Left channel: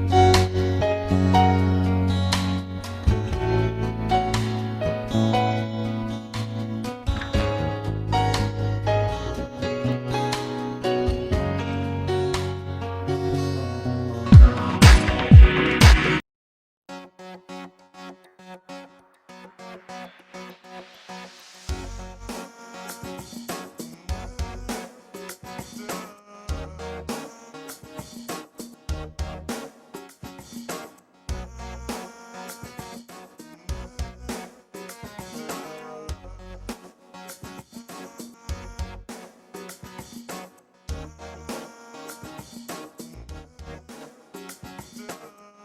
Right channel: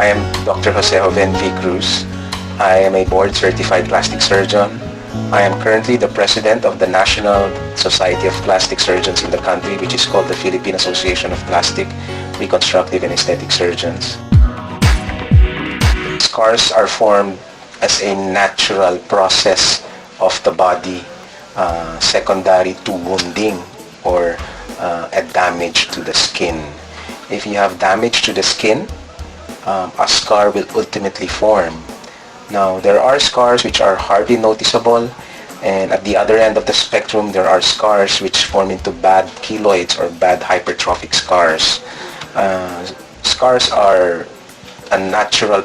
I am Dr. JOVEN CRUZ. I am a board-certified plastic surgeon. I am currently the president of the National Society of Plastic Surgeons in the country, which is called the Philippine Association of Plastic, Reconstructive and Aesthetic Surgeons. Scars are formed as a natural process of the body, secondary to wounding or a damage to the skin. If you have damage to the skin, a scar will ultimately form. Now, there are scars which are hardly noticeable, and at the other end of the spectrum, there are scars which form into bad keloids or bad hypertrophic scars. Scars are a natural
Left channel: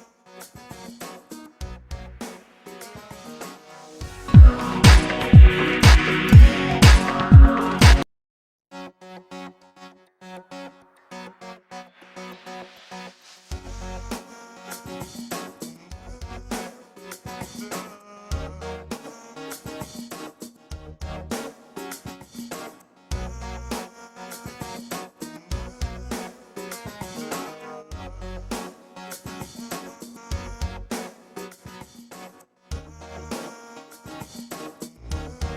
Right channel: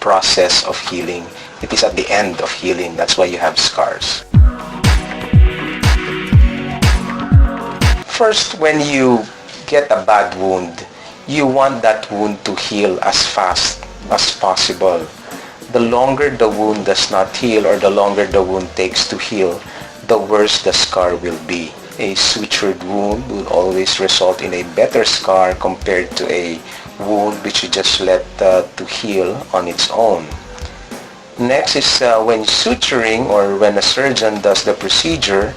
process of healing. It is at the end of healing. That's why you have scars. First, when you get a bad wound, you want that wound to heal as fast as possible. The longer the wound does not heal, or the longer the wound takes to heal, the worse the scar will be. A sutured wound will always result in a better scar compared to a wound which you just let to heal on its own. Next is when suturing, or when a surgeon does the procedure,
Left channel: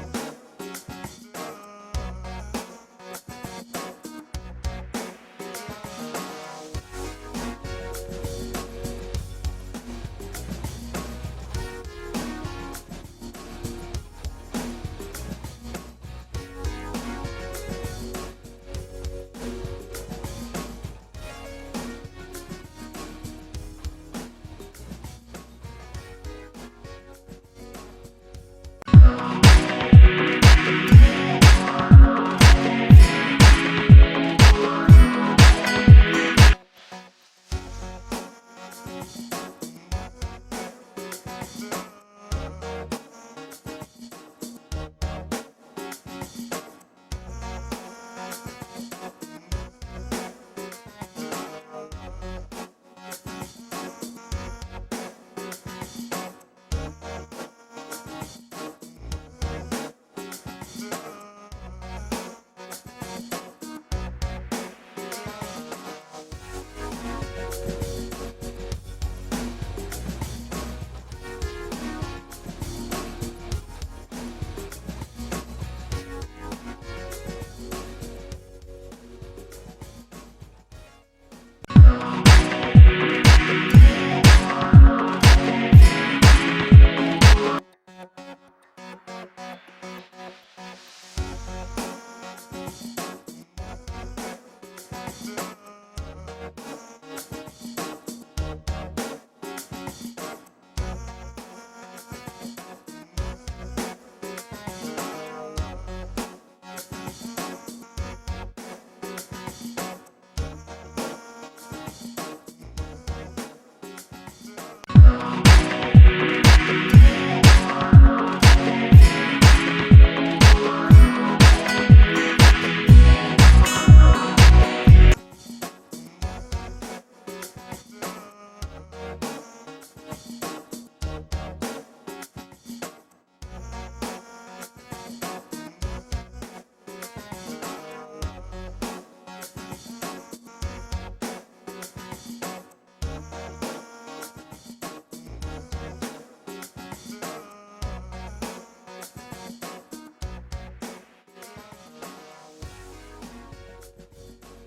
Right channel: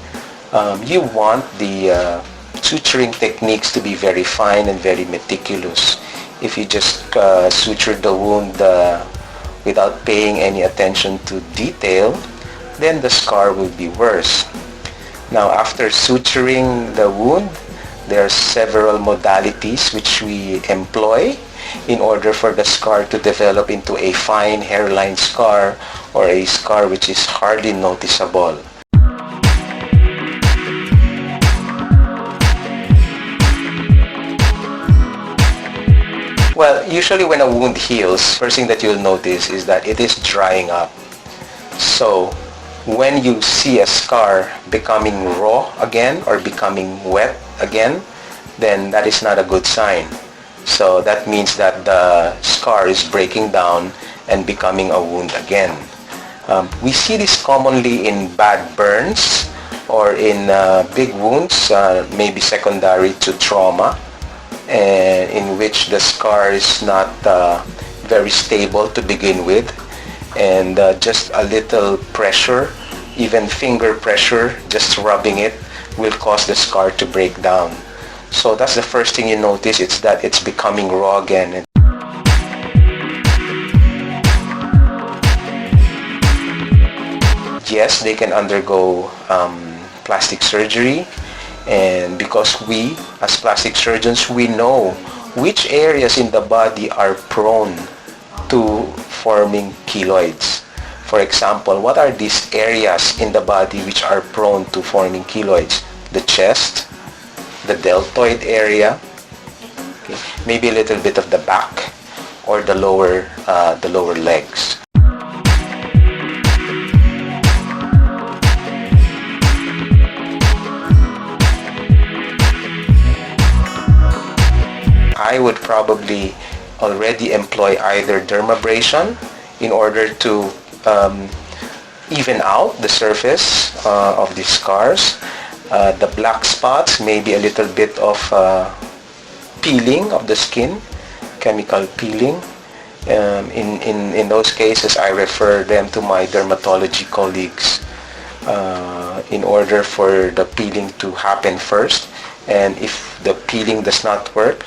you want the suturing techniques to be very fine and very meticulous. If you just suture the wound without paying any attention to detail, then the scar will be worse. Now, after suturing the wound, there are several modalities which we employ in order for the scar to develop into a fine hairline scar, or a scar which is hardly noticeable. Well, usually when a wound heals, first thing that you'll notice is that it is drying up. So, when you see a scar becoming raw again or becoming wet again, then that is not a good sign. So that means that the scar is breaking down and becoming a wound again. We see this commonly in bad burns or in big wounds, maybe secondary to trauma, and in which the scar is not very stable to begin with, and just a little pressure, even finger pressure, just rubbing it, will cause the scar to break down. So that's the first thing you notice, it's that it's becoming raw again. Yes, they can undergo plastic surgery, and because we, as plastic surgeons, we know which areas in the body are prone to forming keloids. For example, what are these areas in the body which are prone to forming keloids? The chest, the deltoid area, okay, maybe a little bit of the back, or the lower legs. I would probably already employ either dermabrasion in order to even out the surface of the scars. The black spots, maybe a little bit of peeling of the skin, chemical peeling. In those cases, I refer them to my dermatology colleagues in order for the peeling to happen first. And if the peeling does not work,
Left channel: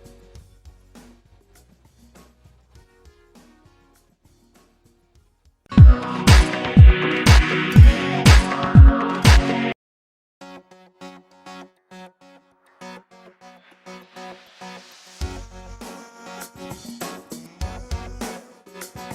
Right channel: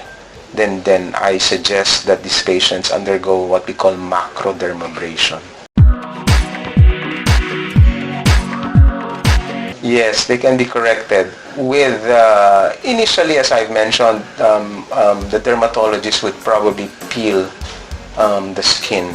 then I suggest that these patients undergo what we call macrodermabrasion. Yes, they can be corrected with, initially, as I've mentioned, the dermatologist would probably peel the skin,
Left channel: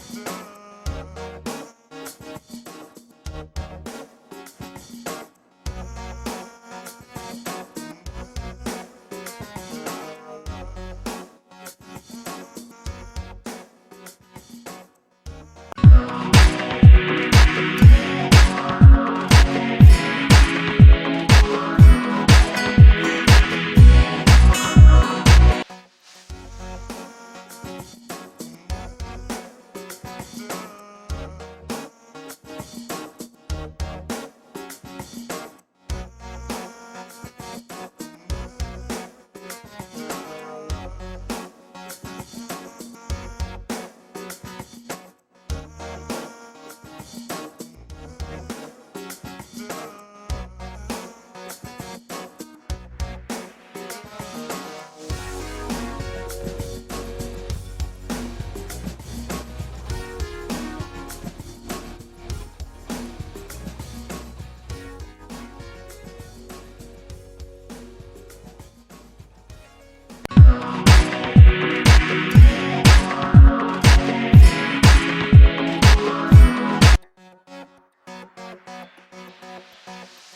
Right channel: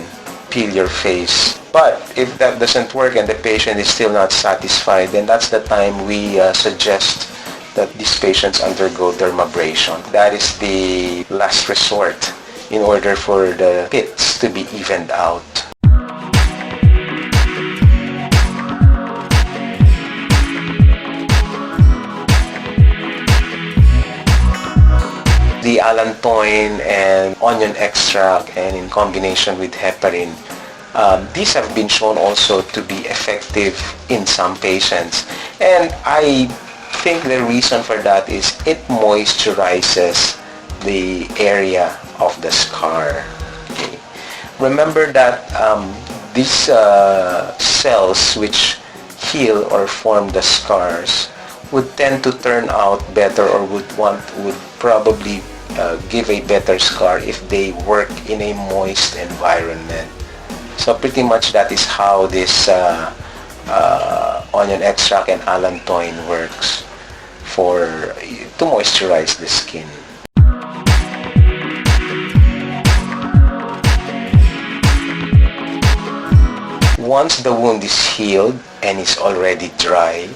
peel your face. But if that doesn't work and the patient is still not satisfied, then that's the time we suggest that these patients undergo dermabrasion. That is the last resort in order for the pits to be evened out. The ALLANTOIN and onion extract, and in combination with heparin, these have been shown also to be effective in some patients. And I think the reason for that is it moisturizes the area of the scar. Okay. Remember that these cells which heal or form the scars would tend to turn out better, or would probably give a better scar if they work in a moist environment. So pretty much that is how this onion extract and allantoin works to moisturize the skin. Once the wound is healed and is already dry,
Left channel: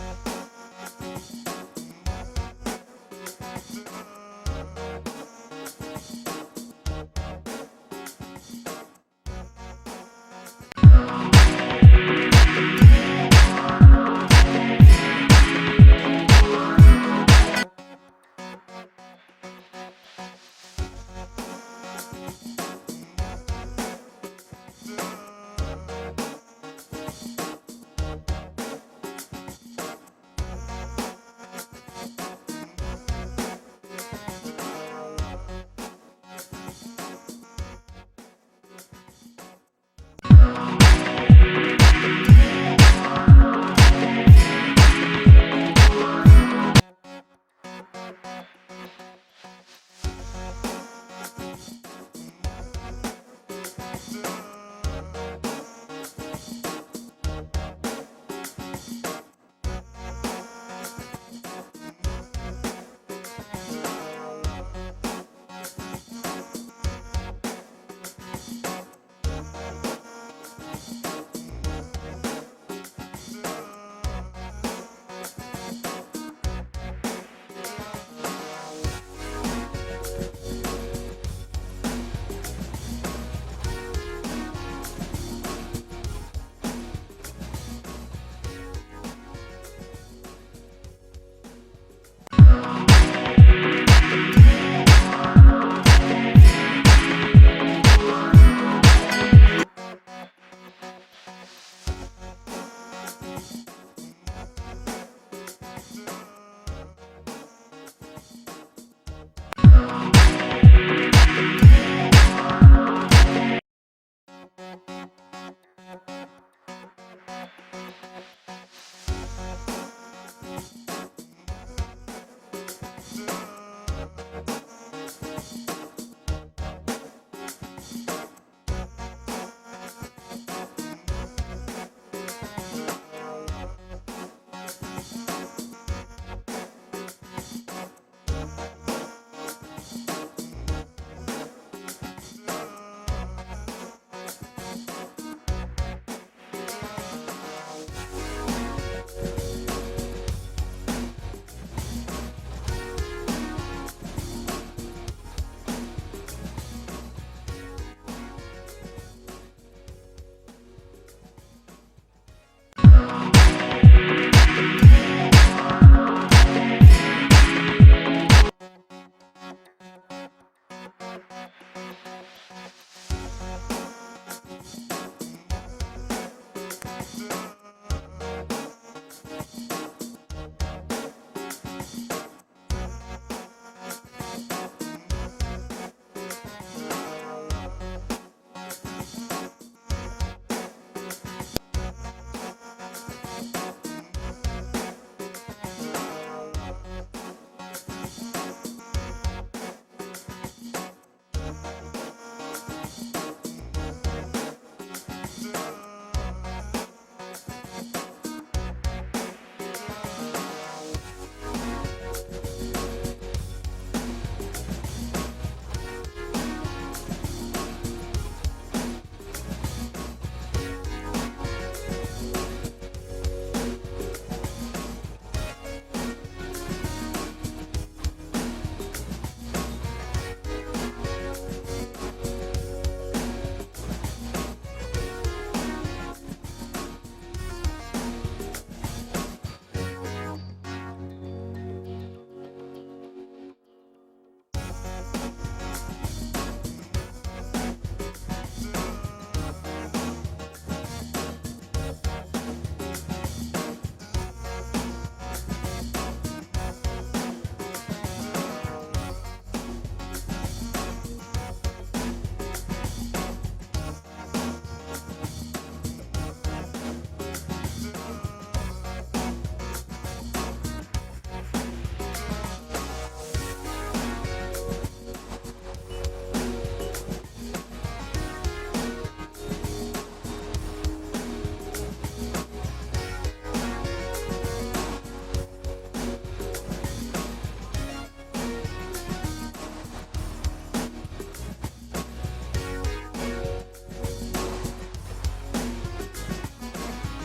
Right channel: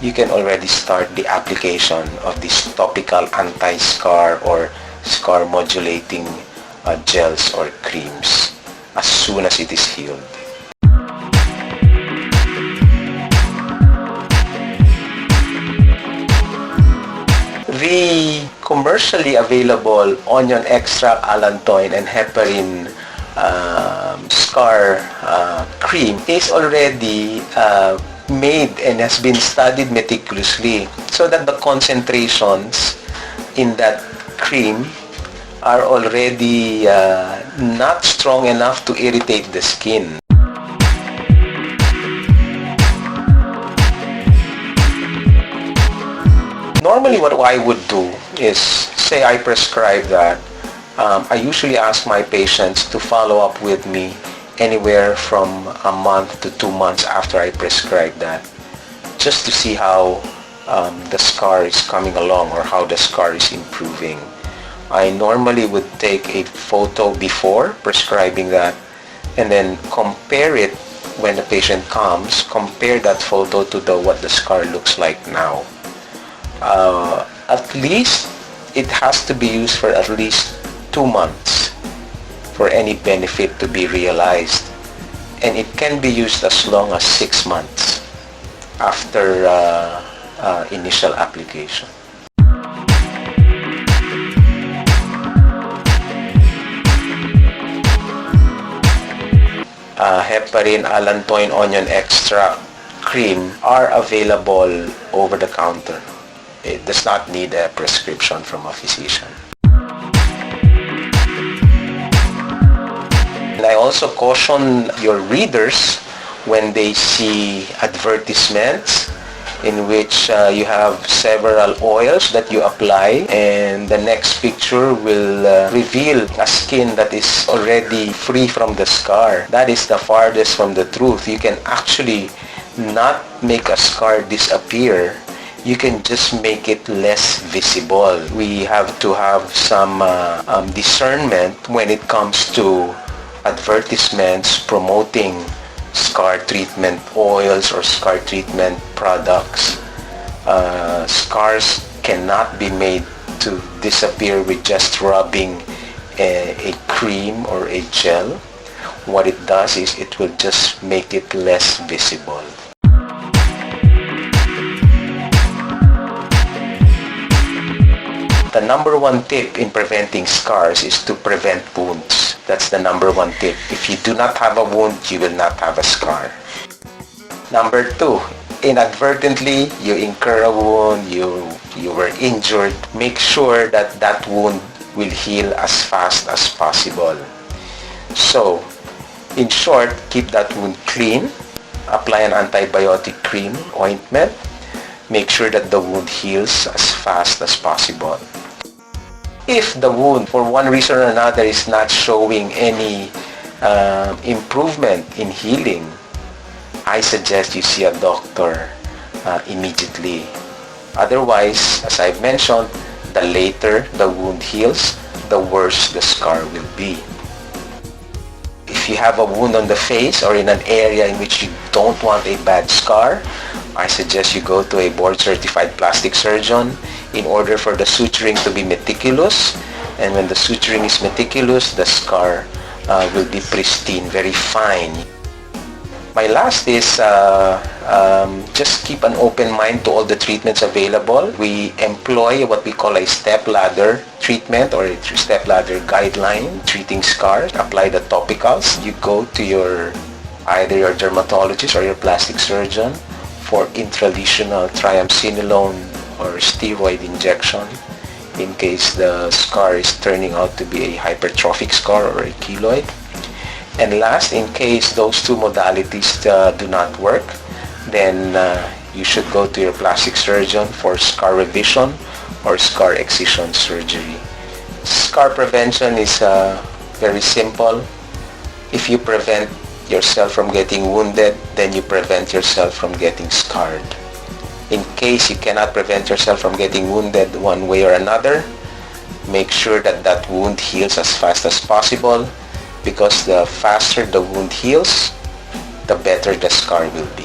you can already start the application of these topical anti-scar or scar modulating gels or creams as soon as it is healed. The commercially available onion extract, allantoin, and heparin scar cream is already made and has been studied meticulously so that the concentrations in that cream are already not strong enough to irritate the skin. Normally what I would do is, say I prescribe that, I usually ask my patients to follow up with me anywhere from a month to 2 months after I prescribe that, just to see how the scar is coming along or how the scar is improving. I normally would take a photo before prescribing that and then compare it when the patient comes, compare that photo to what the scar looks like now. At least it has to be used for at least 2 months for any benefit to be realized, and it can be used as long as 6 months after initial application. Heparin, allantoin, onion extract cream are available over the counter. It does not need a prescription from a physician. And I also caution your readers when they see advertisements in which you have several oils that you apply, and the next picture will reveal a skin that is already free from the scar. That is the farthest from the truth. You can actually not make a scar disappear. You can just make it less visible. We have to have some discernment when it comes to advertisements promoting scar treatment oils or scar treatment products. Scars cannot be made to disappear with just rubbing a cream or a gel. What it does is it will just make it less visible. The number one tip in preventing scars is to prevent wounds. That's the number one tip. If you do not have a wound, you will not have a scar. Number two, inadvertently you incur a wound, you were injured, make sure that that wound will heal as fast as possible. So, in short, keep that wound clean, apply an antibiotic cream, ointment, make sure that the wound heals as fast as possible. If the wound, for one reason or another, is not showing any improvement in healing, I suggest you see a doctor immediately. Otherwise, as I've mentioned, the later the wound heals, the worse the scar will be. If you have a wound on the face or in an area in which you don't want a bad scar, I suggest you go to a board-certified plastic surgeon in order for the suturing to be meticulous. And when the suturing is meticulous, the scar will be pristine, very fine. My last is just keep an open mind to all the treatments available. We employ what we call a step-ladder treatment or a step-ladder guideline treating scars. Apply the topicals. You go to either your dermatologist or your plastic surgeon for intralesional triamcinolone or steroid injection in case the scar is turning out to be a hypertrophic scar or a keloid. And last, in case those two modalities do not work, then you should go to your plastic surgeon for scar revision or scar excision surgery. Scar prevention is very simple. If you prevent yourself from getting wounded, then you prevent yourself from getting scarred. In case you cannot prevent yourself from getting wounded one way or another, make sure that that wound heals as fast as possible, because the faster the wound heals, the better the scar will be.